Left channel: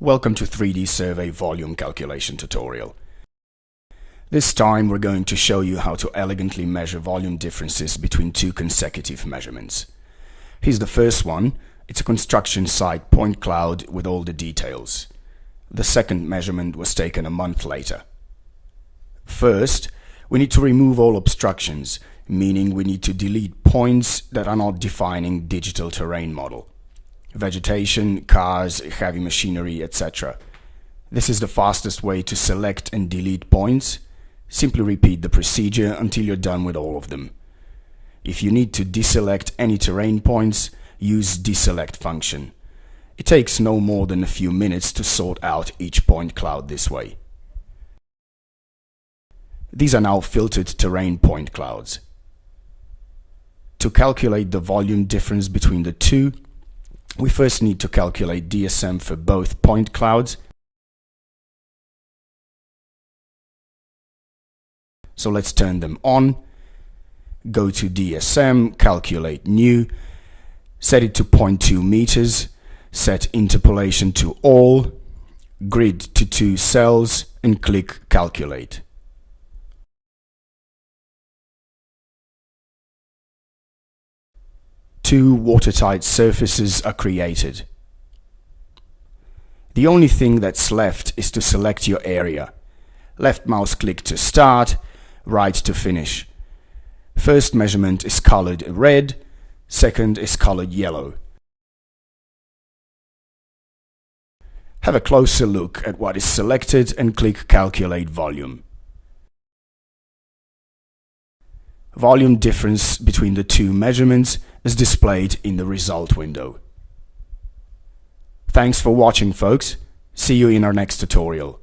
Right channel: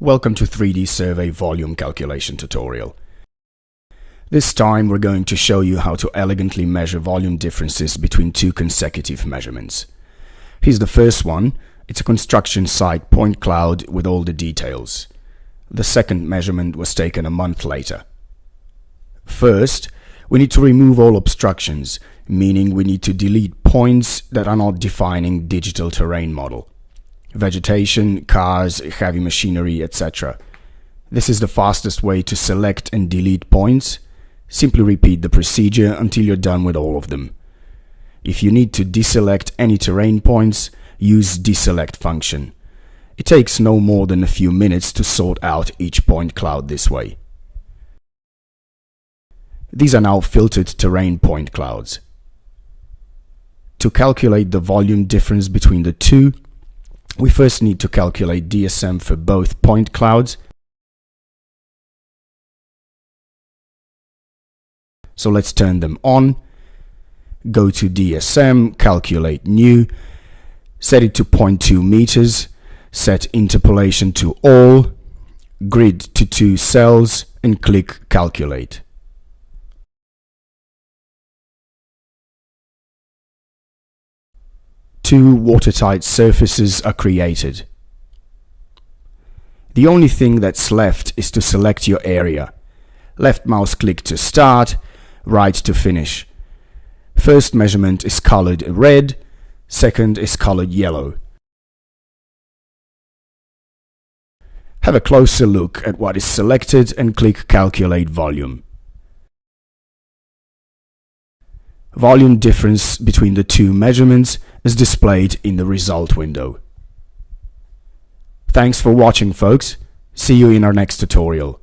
Welcome to 3Dsurvey volume calculation tutorial. This time we're going to show you how to elegantly measure volume differences between two consecutive measurements. Here's the first one. It's a construction site point cloud with all the details. The second measurement was taken a month later. First, we need to remove all obstructions, meaning we need to delete points that are not defining digital terrain model. Vegetation, cars, heavy machinery, etc. This is the fastest way to select and delete points. Simply repeat the procedure until you're done with all of them. If you need to deselect any terrain points, use deselect function. It takes no more than a few minutes to sort out each point cloud this way. These are now filtered terrain point clouds. To calculate the volume difference between the two, we first need to calculate DSM for both point clouds. So let's turn them on. Go to DSM, calculate new, set it to 0.2 meters, set interpolation to all, grid to 2 cells, and click calculate. Two watertight surfaces are created. The only thing that's left is to select your area. Left mouse click to start, right to finish. First measurement is colored red, second is colored yellow. Have a closer look at what is selected and click calculate volume. Volume difference between the two measurements is displayed in the result window. Thanks for watching, folks. See you in our next tutorial.